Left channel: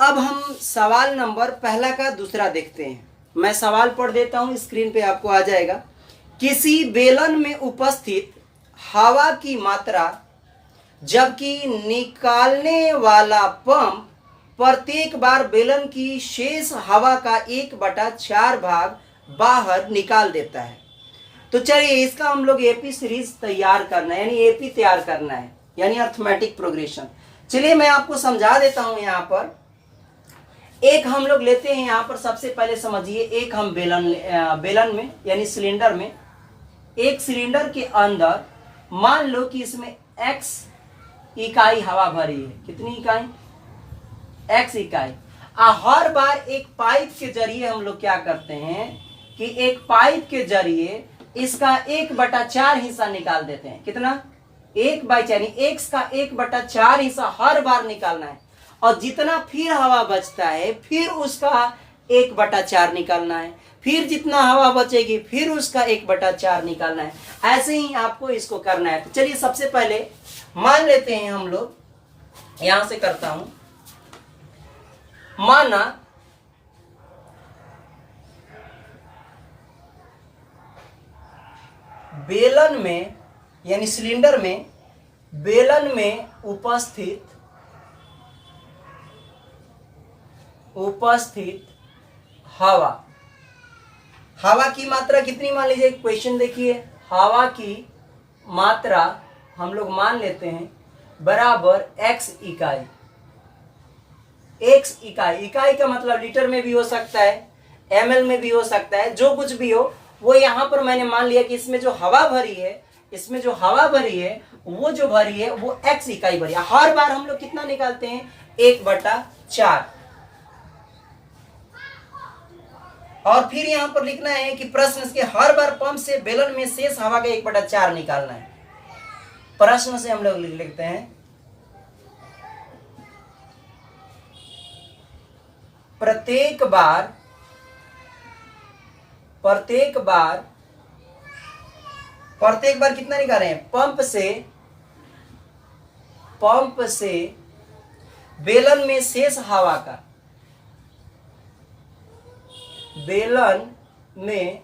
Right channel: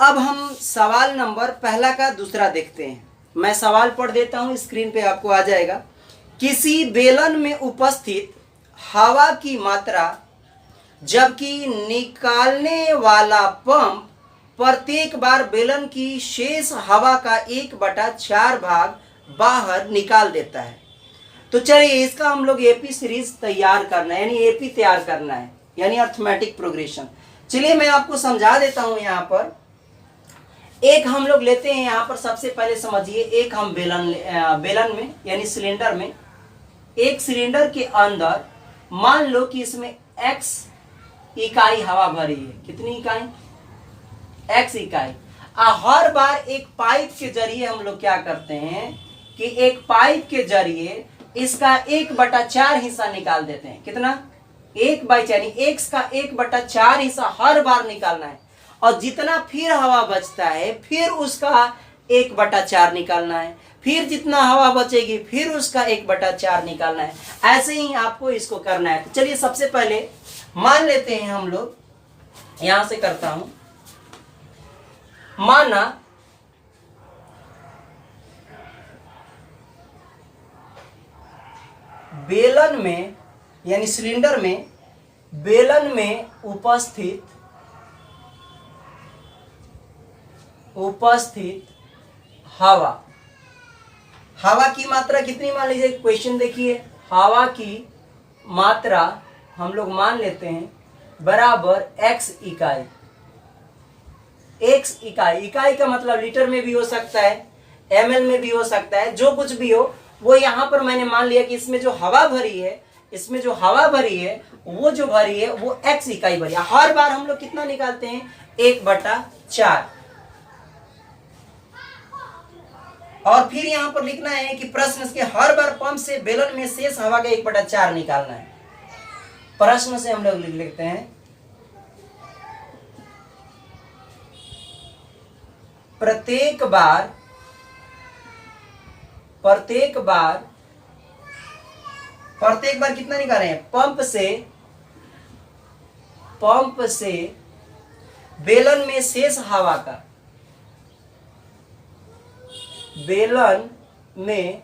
अब हम सवाल नंबर पहला का दूसरा देखते हैं। मैं सवाल पढ़ देता हूं, स्क्रीन पे आपको आ जाएगा। किसी बेलन में उपस्थित हवा की मात्रा जबकि निकालने वाला पंप प्रत्येक बार बेलन की शेष हवा का 1/4 भाग बाहर निकाल देता है। तो चलिए इसका हम लोग एपी सीरीज तैयार करना है, यानी एपी तैयार करना है, यानी अर्थमेटिक प्रोग्रेशन। चलिए मैं आपको समझा देता हूं। यहां पर एक हम लोग लेते हैं, यहां पर सबसे पहले समझिए, एक हम बेलन में यानी सिलेंडर में, एक सिलेंडर के अंदर मान लो कि इसमें x इकाई हवा भरी है। कितनी इकाई? x इकाई। हर बार एक पाइप के जरिए हम लोग क्या करते हैं कि एक पाइप के जरिए इसका 1/4 हिस्सा निकाल देते हैं। कितना? 1/4, यानी x का 1/4 हिस्सा हर बार निकालना है, और जितना फिर हवा बचता है फिर उसका 1/4 निकालना है, फिर जितना हवा बचेगी फिर उसका 1/4 निकालना है। ऐसे ही आपको इसको करना है। तो चलिए सबसे पहले मान लेते हैं हम लोग, यहां से करता हूं। माना बेलन में यानी सिलेंडर में बेलन में उपस्थित हवा की मात्रा कितनी मान लीजिए? क्वेश्चन देखिए, हवा की मात्रा हम लोग मान लेते हैं बराबर x इकाई। x इकाई, इकाई का मतलब लीटर में भी हो सकता है, ml में भी हो सकता है, जो कुछ भी हो वो यहां पर मैंने मान लिया कि इसमें जो हवा भरी है, वो जो भरी है वो x इकाई भरी है। हर बार हम लोग कितना निकालते हैं? 1/4। और फिर यहां पर लिखना है कि प्रश्न के हर बार पंप से बेलन में शेष हवा का 1/4 निकालना है। प्रश्न से हम लोग लिखते हैं प्रत्येक बार कितना निकालें? पंप से बेलन में शेष हवा का, बेलन में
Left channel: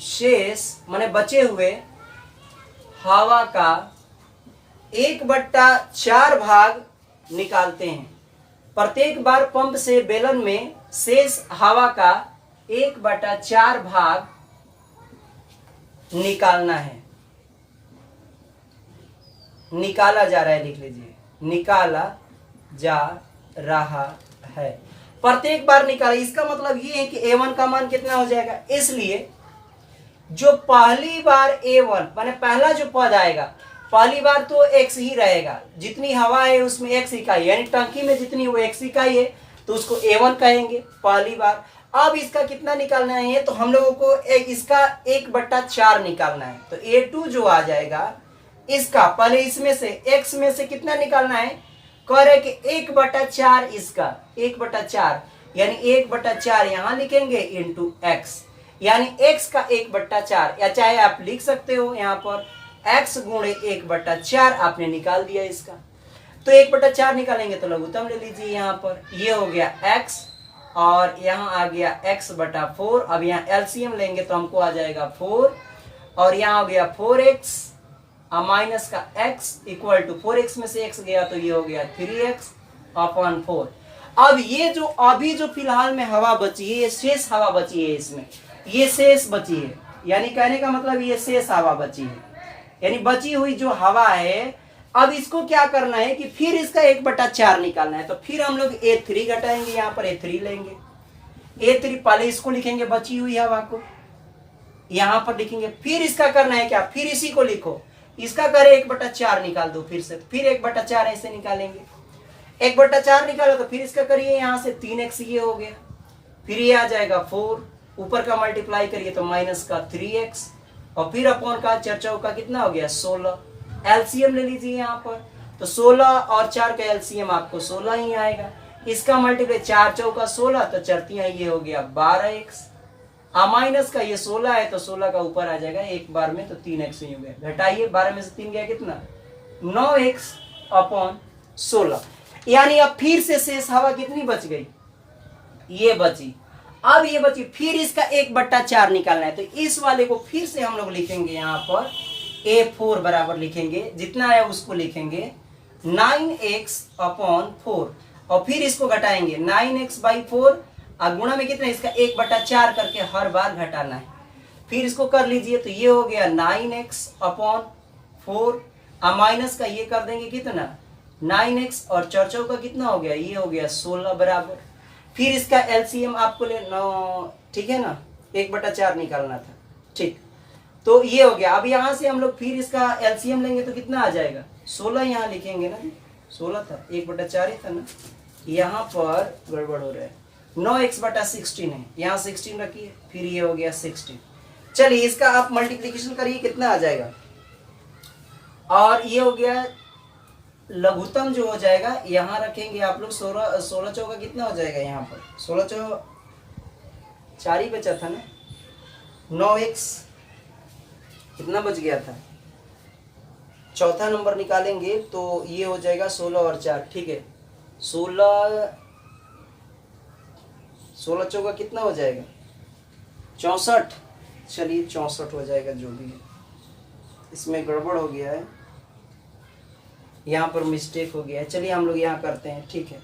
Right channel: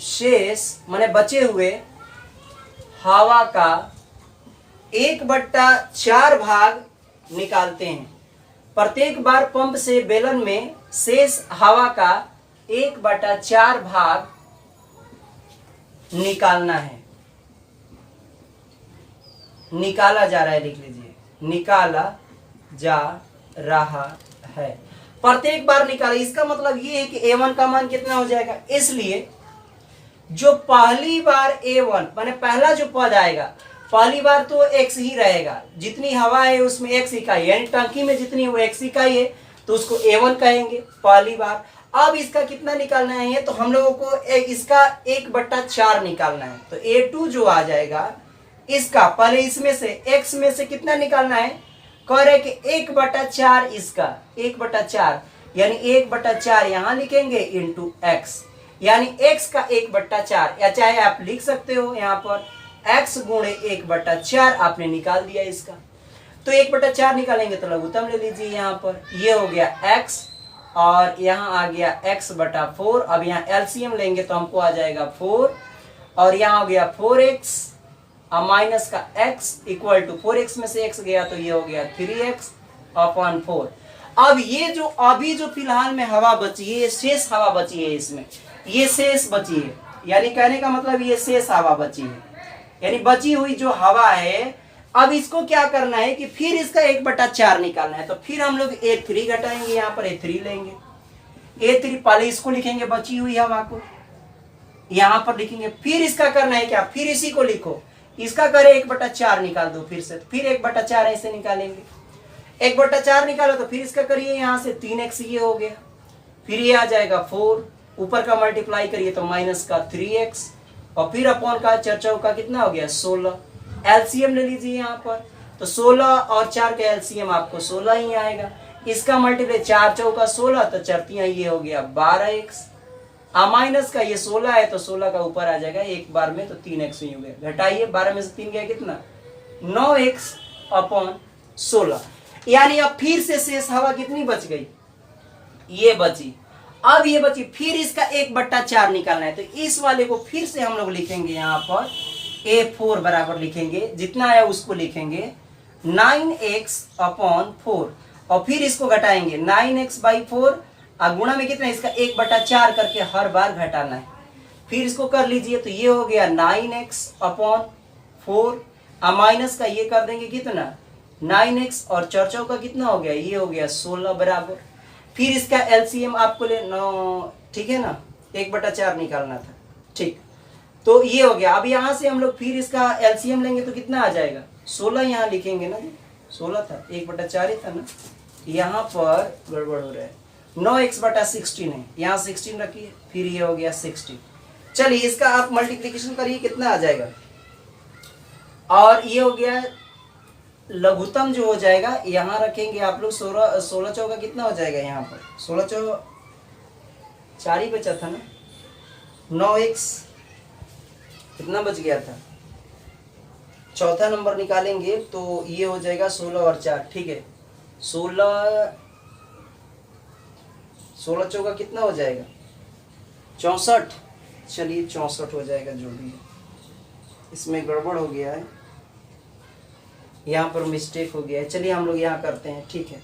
शेष माने बचे हुए हवा का 1/4 भाग निकालते हैं। प्रत्येक बार पंप से बेलन में शेष हवा का 1/4 भाग निकालना है। निकाला जा रहा है, लिख लीजिए, निकाला जा रहा है। प्रत्येक बार निकाला, इसका मतलब ये है कि A1 का मान कितना हो जाएगा? इसलिए जो पहली बार A1 माने पहला जो पद आएगा, पहली बार तो x ही रहेगा, जितनी हवा है उसमें x इकाई, यानी टंकी में जितनी वो x इकाई है तो उसको A1 कहेंगे पहली बार। अब इसका कितना निकालना है? तो हम लोगों को इसका 1/4 निकालना है। तो A2 जो आ जाएगा इसका, पहले इसमें से x में से कितना निकालना है? कह रहे कि 1/4 इसका 1/4, यानी 1/4 यहां लिखेंगे इंटू x, यानी x का 1/4, या चाहे आप लिख सकते हो यहाँ पर x गुणे 1/4 आपने निकाल दिया इसका। तो 1/4 निकालेंगे तो लघुत्तम ले लीजिए, यहाँ पर ये हो गया x और यहाँ आ गया x/4। अब यहाँ एलसीएम लेंगे तो हमको आ जाएगा 4, और यहाँ हो गया 4x माइनस का x इक्वल टू 4x में से x गया तो ये हो गया 3x/4। अब ये जो अभी जो फिलहाल में हवा बची है, ये शेष हवा बची है, इसमें ये शेष बची है, यानी कहने का मतलब ये शेष हवा बची है, यानी बची हुई जो हवा है। अब इसको क्या करना है कि फिर इसका 1/4 निकालना है। तो फिर हम लोग A3 घटाएंगे, यहाँ पर A3 लेंगे। A3 पहले इसको लिखेंगे बची हुई हवा को, यहाँ पर लिखेंगे, फिर इसका करना है क्या? फिर इसी को लिखो, इसका करे 1/4 निकाल दो फिर से, फिर 1/4 ऐसे निकालेंगे। 1/4 निकालो तो फिर इसका करिए यहाँ से 3x ये हो गया, फिर ये आ जाएगा 4, ऊपर का मल्टीप्लाई करिए तो माइनस का 3x, और फिर अपॉन का 4 चौका कितना हो गया? 16। एलसीएम ले लीजिए यहाँ पर, तो 16 और 4 का एलसीएम आपको 16 ही आएगा। इसका मल्टीप्लाई 4 चौका 16, तो चरतियां ये हो गया 12x, माइनस का ये 16 है तो 16 का ऊपर आ जाएगा एक बार में, तो 3x ही हो गया। घटाइए, 12 में से 3 गया कितना? 9x/16। यानी अब फिर से शेष हवा कितनी बच गई, ये बची। अब ये बची, फिर इसका 1/4 निकालना है, तो इस वाले को फिर से हम लोग लिखेंगे यहाँ पर A4 बराबर लिखेंगे, जितना आया उसको लिखेंगे 9x/4 और फिर इसको घटाएंगे 9x/4 और गुणा में कितना, इसका 1/4 करके हर बार घटाना है। फिर इसको कर लीजिए तो ये हो गया 9x/4 और माइनस का ये कर देंगे कितना 9x और 4 चौका कितना हो गया, ये हो गया 16 बराबर। फिर इसका एलसीएम आपको ले ठीक है ना, 1/4 निकालना था, ठीक। तो ये हो गया। अब यहाँ से हम लोग फिर इसका एलसीएम लेंगे तो कितना आ जाएगा, 16 यहाँ लिखेंगे ना, 16 था, 1/4 ही था ना, यहाँ पर गड़बड़ हो रहा है, 9x/16 है, यहाँ 16 रखिए, फिर ये हो गया 16। चलिए इसका आप मल्टीप्लीकेशन करिए, कितना आ जाएगा, और ये हो गया लघुत्तम जो हो जाएगा, यहाँ रखेंगे आप लोग 16 चौका कितना हो जाएगा, यहाँ पर 16 चौका 4 ही बचा था ना, 9x कितना बच गया था, चौथा नंबर निकालेंगे तो ये हो जाएगा 16 और 4, ठीक है, 16 चौका कितना हो जाएगा 64, चलिए 64 हो जाएगा, जो भी है। इसमें गड़बड़ हो गया है, यहाँ पर मिस्टेक हो गया है, चलिए हम लोग यहाँ करते हैं, ठीक है।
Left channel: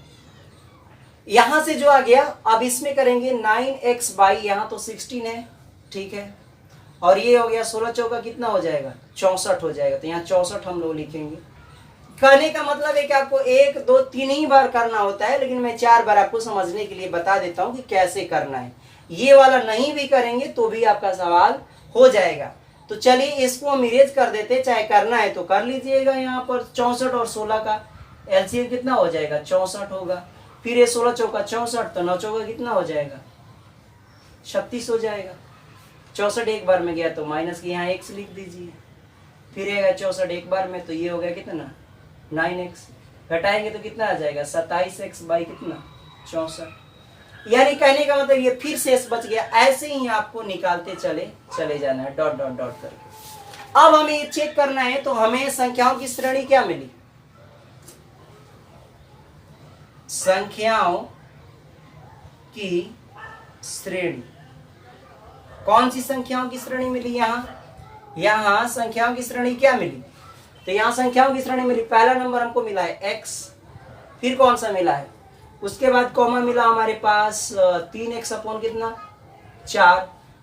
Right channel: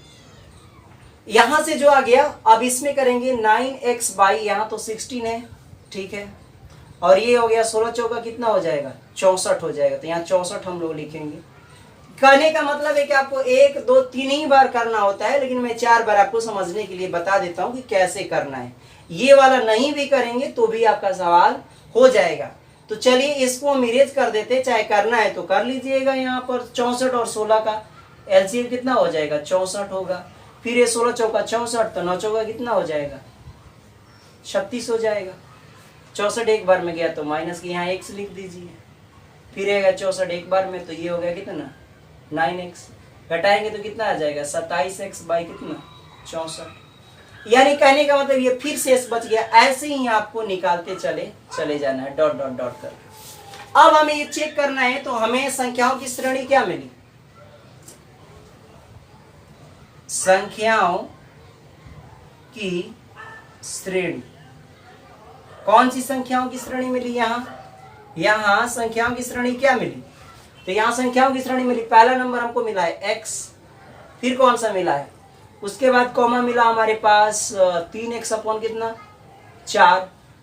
यहाँ से जो आ गया, अब इसमें करेंगे 9x/ यहाँ तो 16 है, ठीक है, और ये हो गया 16 चौका कितना हो जाएगा 64 हो जाएगा, तो यहाँ 64 हम लोग लिखेंगे। कहने का मतलब है कि आपको 1 2 3 ही बार करना होता है, लेकिन मैं 4 बार आपको समझने के लिए बता देता हूँ कि कैसे करना है। ये वाला नहीं भी करेंगे तो भी आपका सवाल हो जाएगा। तो चलिए इसको हम इरेज कर देते, चाहे करना है तो कर लीजिएगा। यहाँ पर 64 और 16 का एलसीएम कितना हो जाएगा 64 होगा, फिर ये 16 चौका 64, तो 9 चौका कितना हो जाएगा 36 हो जाएगा। 64 एक बार में गया तो माइनस के यहाँ x लिख दीजिए, फिर आएगा 64 एक बार में, तो ये हो गया कितना 9x, घटाएंगे तो कितना आ जाएगा 27x बाई कितना 64। यानी कहने का मतलब ये फिर शेष बच गया, ऐसे ही आपको निकालते चले जाना है, डॉट डॉट डॉट कर। अब हमें ये चेक करना है, तो हमें संख्याओं की श्रेणी क्या मिली, संख्याओं की श्रेणी, कौन सी संख्याओं की श्रेणी मिली, यहाँ संख्याओं की श्रेणी क्या मिली, तो यहाँ संख्याओं की श्रेणी मिली, पहला नंबर हमको मिला है x, फिर कौन सा मिला है, उसके बाद कॉमा मिला हमारे पास 3x/ कितना 4,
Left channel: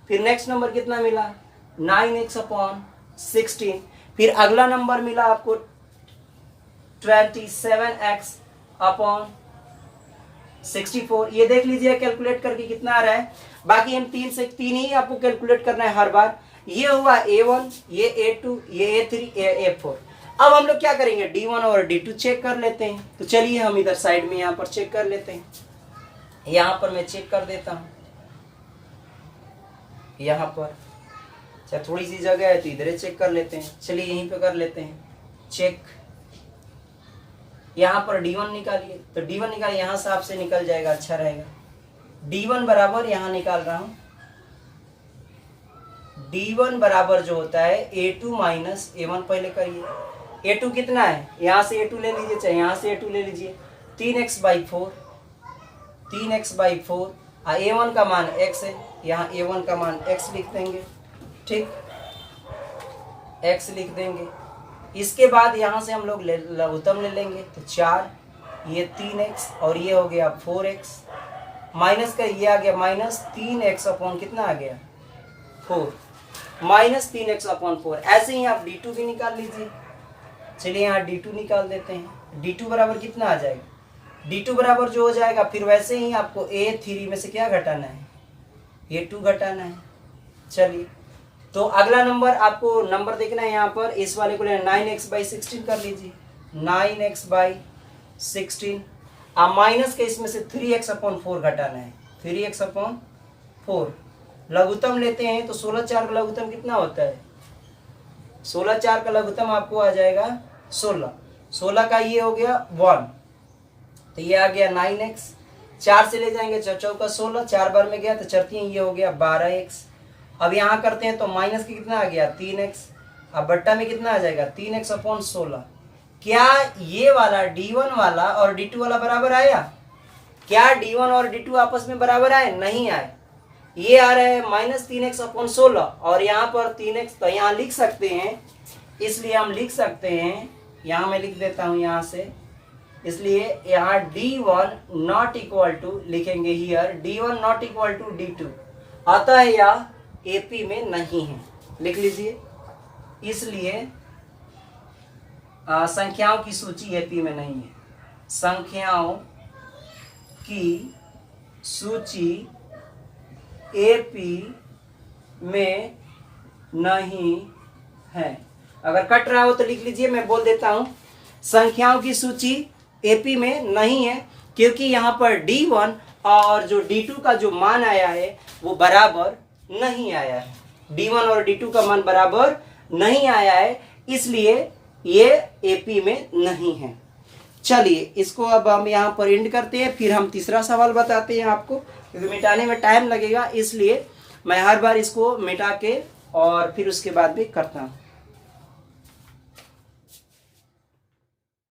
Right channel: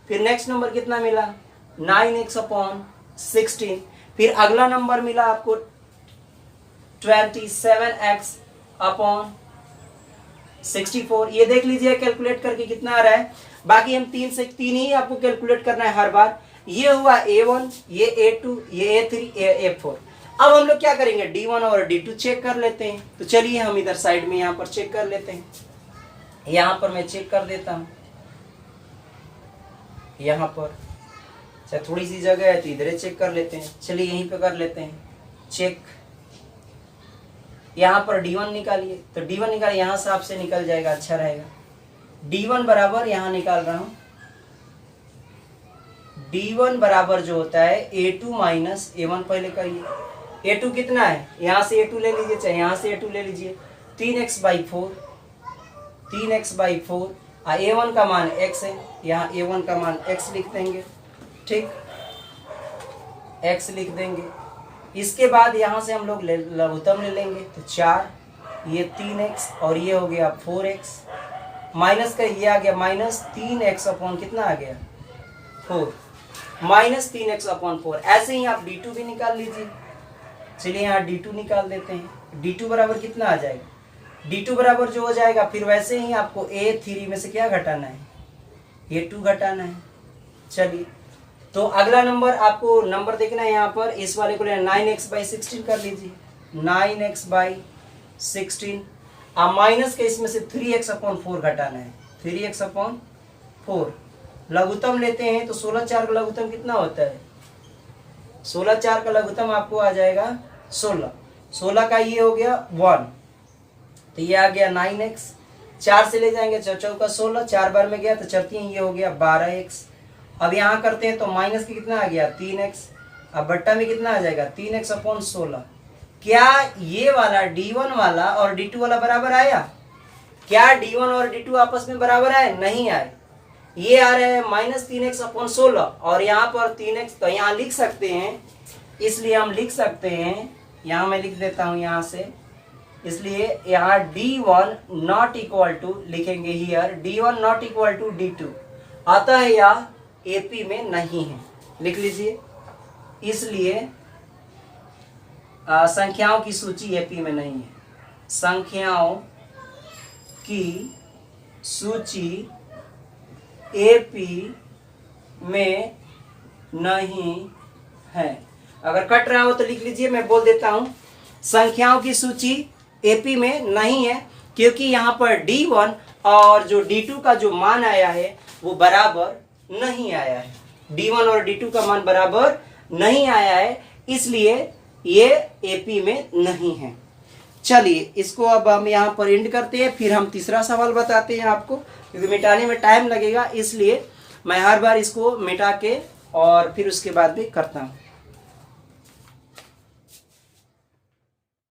फिर नेक्स्ट नंबर कितना मिला 9x/16, फिर अगला नंबर मिला आपको 27x/64। ये देख लीजिए कैलकुलेट करके कितना आ रहा है, बाकी हम 3 से 3 ही आपको कैलकुलेट करना है हर बार। ये हुआ A1, ये A2, ये A3, ये A4। अब हम लोग क्या करेंगे, D1 और D2 चेक कर लेते हैं। तो चलिए हम इधर साइड में यहाँ पर चेक कर लेते हैं, यहाँ पर मैं चेक कर देता हूँ, यहाँ पर अच्छा थोड़ी सी जगह है तो इधर चेक कर लेते हैं, चलिए यहीं पे कर लेते हैं चेक। यहाँ पर D1 निकालिए, तो D1 निकालिए, यहाँ से आपसे निकल जाएगा, अच्छा रहेगा। D1 बराबर यहाँ निकाल रहा हूँ, D1 बराबर जो होता है A2 माइनस A1, पहले करिए। A2 कितना है, यहाँ से A2 ले लीजिए, चाहे यहाँ से A2 ले लीजिए, 3x/4, 3x/4, A1 का मान x है, यहाँ A1 का मान x लिख देंगे, ठीक, x लिख देंगे। इसके बाद यहाँ से हम लोग लघुत्तम ले लेंगे, तो 4, ये 3x और ये हो गया 4x, माइनस का ये आ गया माइनस 3x/ कितना आ गया 4, माइनस 3x/4। ऐसे ही आप D2 भी निकाल लीजिए, चलिए यहाँ D2 निकाल देते हैं। D2 बराबर कितना आ जाएगा, D2 बराबर जो हो जाएगा, फिर वैसे ही आपको A3 में से क्या घटाना है, A2 घटाना है। चलिए तो अगला नंबर आपको नंबर देखना है, यहाँ पर इस वाले को लेना 9x/16 कर लीजिए, 9x/16, आप माइनस के इसमें से 3x/4 घटाना है, 3x/4। लघुत्तम लेते हैं तो 16/4 का लघुत्तम कितना होता है, 16/4 का लघुत्तम आपको आ जाएगा 16, 16 का ये हो गया 1, तो ये आ गया 9x, 4 से ले जाएंगे 4 चौका 16, 4 बार में गया तो चरती ये हो गया 12x। अब यहाँ करते हैं तो माइनस की कितना आ गया 3x, अब बट्टा में कितना आ जाएगा 3x/16, क्या ये वाला D1 वाला और D2 वाला बराबर आया? क्या D1 और D2 आपस में बराबर आए? नहीं आए। ये आ रहा है -3x/16 और यहाँ पर 3x, तो यहाँ लिख सकते हैं, इसलिए हम लिख सकते हैं, यहाँ मैं लिख देता हूँ यहाँ से, इसलिए यहाँ D1 नॉट इक्वल टू लिखेंगे here, D1 not equal to D2, अतः यह AP में नहीं है, लिख लीजिए। इसलिए संख्याओं की सूची AP में नहीं है, संख्याओं की सूची AP में नहीं है। अगर कट रहा हो तो लिख लीजिए, मैं बोल देता हूं, संख्याओं की सूची AP में नहीं है क्योंकि यहाँ पर D1 और जो D2 का जो मान आया है वो बराबर नहीं आया है। D1 और D2 का मान बराबर नहीं आया है, इसलिए ये AP में नहीं है। चलिए इसको अब हम यहाँ पर एंड करते हैं, फिर हम तीसरा सवाल बताते हैं आपको, क्योंकि मिटाने में टाइम लगेगा, इसलिए मैं हर बार इसको मिटा के और फिर उसके बाद भी करता हूँ।